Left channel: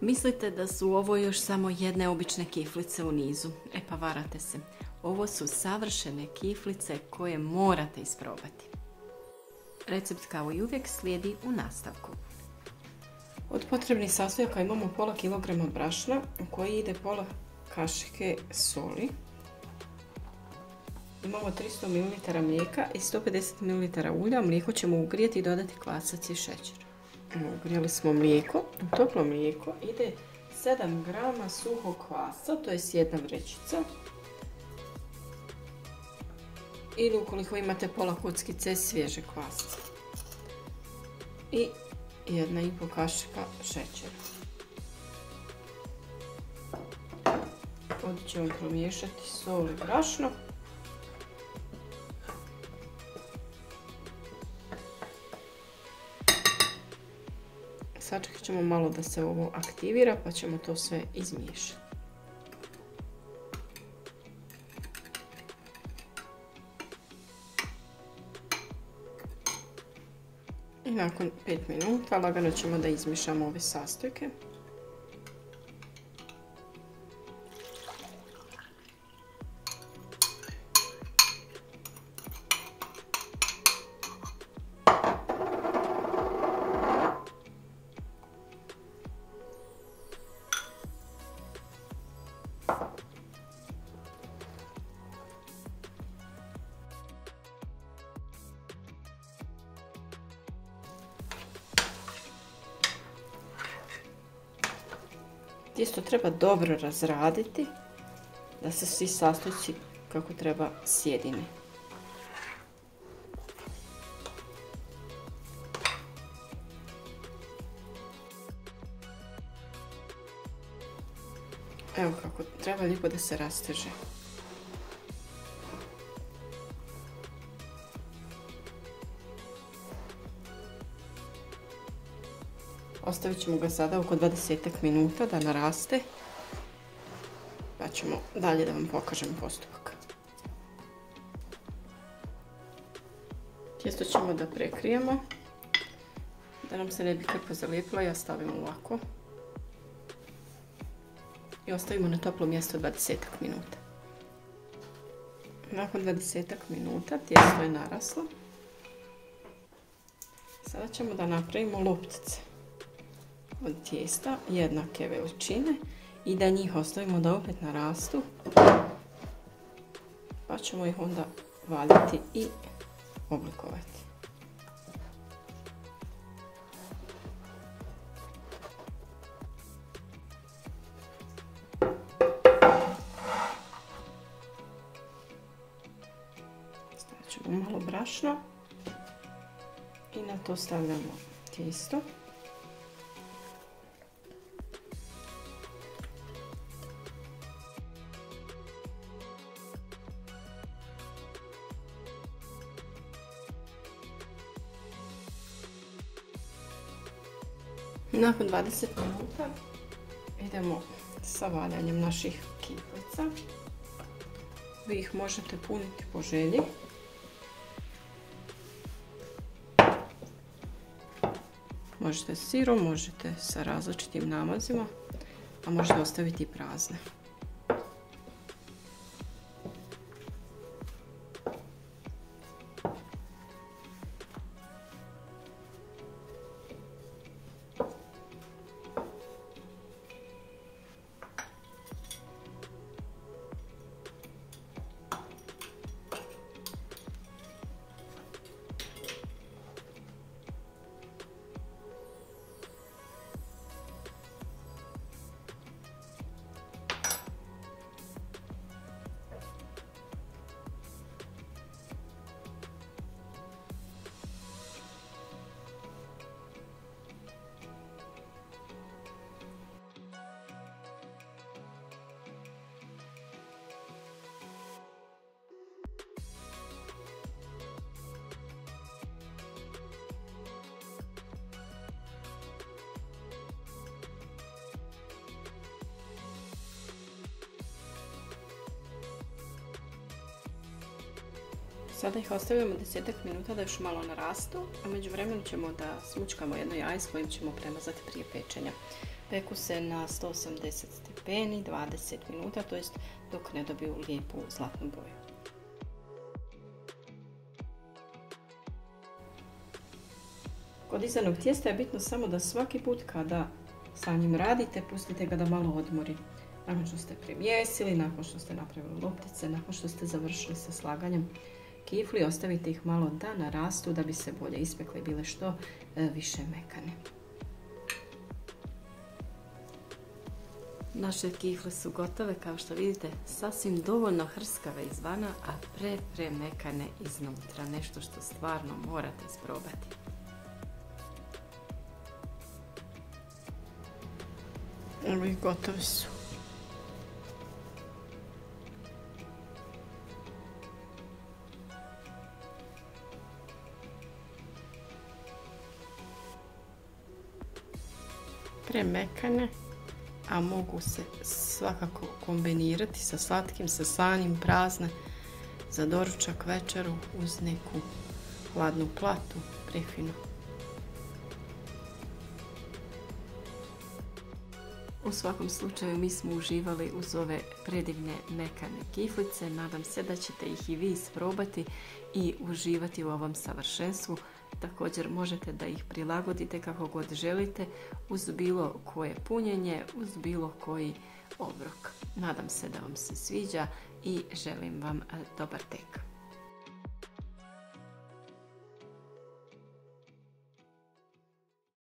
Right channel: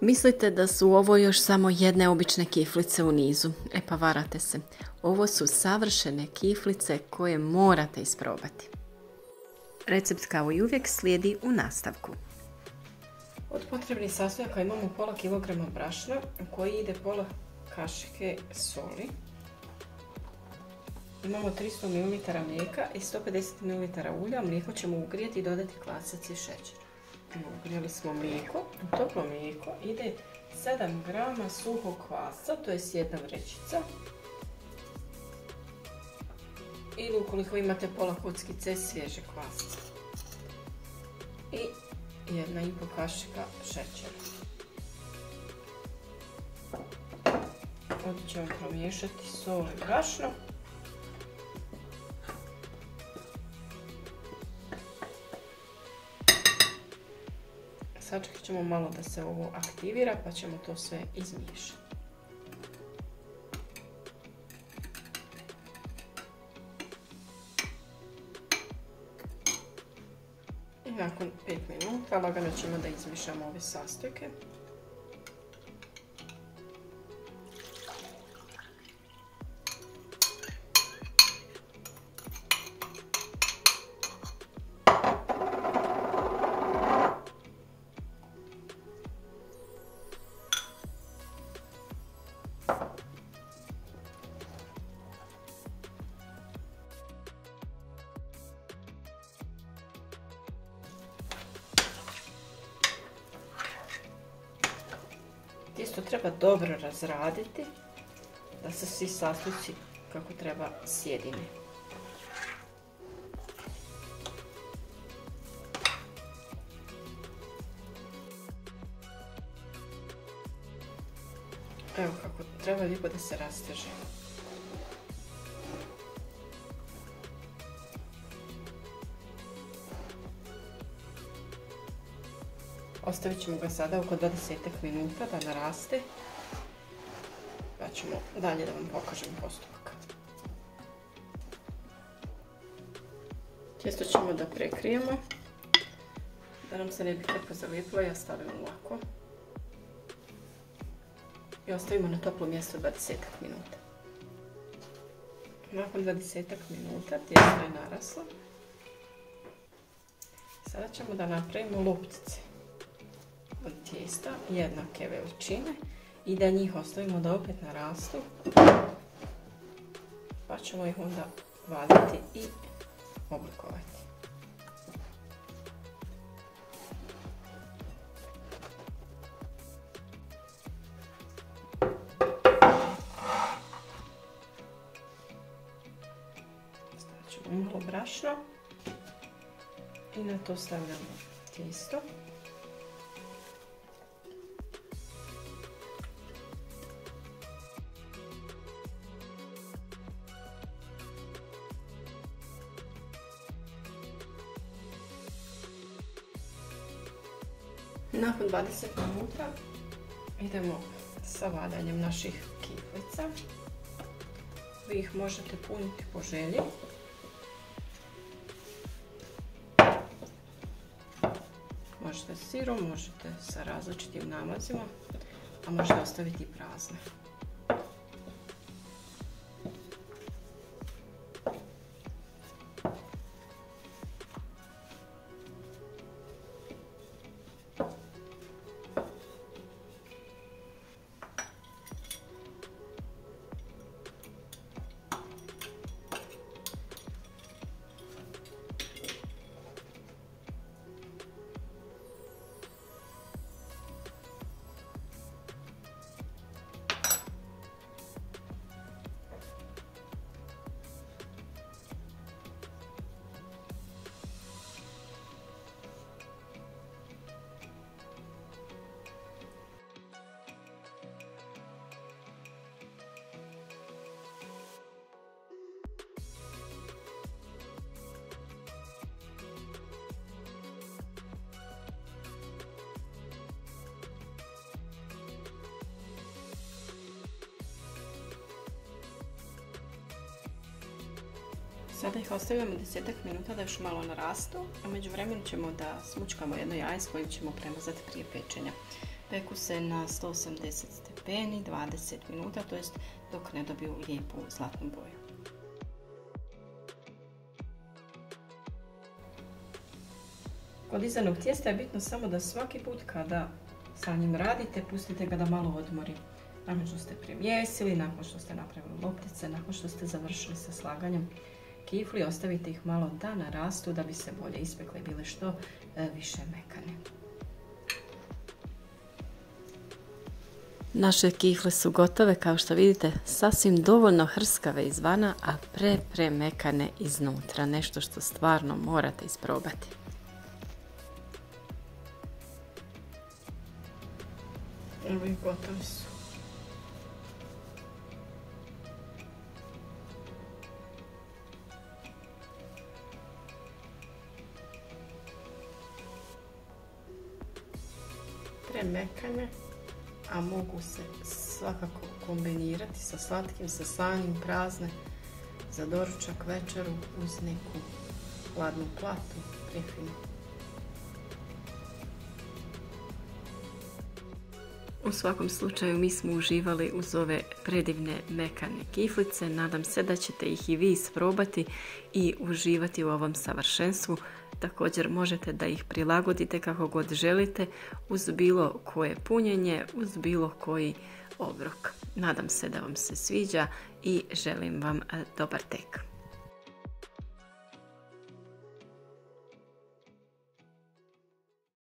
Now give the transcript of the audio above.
Mislite da su ovo još samo jedne obične kiflice u nizu? E pa varate se. Ovo su savršene kiflice koje morate isprobati. Recept kao i uvijek slijedi u nastavku. Od potrebnih sastojaka imamo pola kilograma brašna u koji ide pola kašike soli. Imamo 300 ml mlijeka i 150 ml ulja. Mlijeko ćemo ugrijati i dodati kvasac i šećer. Ugrijali smo mlijeko. U toplo mlijeko ide 7 g suhog kvasca, to je jedna vrećica. Ili ukoliko imate pola kockice svježe kvasca. I 1,5 kašika šećera. Ovdje ćemo promiješati sol i brašno. Sačekat ćemo malo da se ovo aktivira pa ćemo to sve izmiješati. I nakon 5 minuta lagano ćemo da izmiješamo ove sastojke. Tijesto treba dobro razraditi da se svi sastojci kako treba sjedine. Evo kako treba lijepo da se rasteže. Ostavit ćemo ga sada oko 20 minuta da naraste, pa ćemo dalje da vam pokažem postupak. Tijesto ćemo da prekrijemo, da nam se ne bi krpa zalijepila, ja stavim ovako i ostavimo na toplo mjesto 20 minuta. Nakon 20 minuta tijesto je naraslo. Sada ćemo da napravimo loptice od tijesta jednake veličine i da njih ostavimo da opet narastu, pa ćemo ih onda vaditi i oblikovati. Stavit ćemo malo brašna i na to stavljamo tijesto. Nakon 20 minuta idemo sa vadanjem naših kiflica. Vi ih možete puniti po želji. Možete s sirom, možete sa različitim namazima, a možete ostaviti i prazne. Sada ih ostavljamo 10 minuta da još malo narastu, a među vremenu ćemo da smučkamo jedno jaje s kojim ćemo premazati prije pečenja. Peku se na 180 stepeni 20 minuta, to jest dok ne dobiju lijepu zlatnu boju. Kod izanog tijesta je bitno samo da svaki put kada sa njim radite, pustite ga da malo odmori. Nakon što ste premjesili, nakon što ste napravili loptice, nakon što ste završili sa slaganjem kifli, ostavite ih malo da narastu da bi se bolje ispekle i bile što više mekane. Naše kifle su gotove, kao što vidite, sasvim dovoljno hrskave izvana, a premekane iznutra. Nešto što stvarno morate isprobati. Evo i gotovi su. Premekane, a mogu se svakako kombinirati sa slatkim, sa slanim, prazne, za doručak, večeru, uz neku hladnu platu, prefinu. U svakom slučaju mi smo uživali uz ove predivne mekane kiflice. Nadam se da ćete ih i vi isprobati i uživati u ovom savršenstvu. Također možete da ih prilagodite kako god želite, uz bilo koje punjenje, uz bilo koji obrok. Nadam se da vam se sviđa i želim vam dobar tek.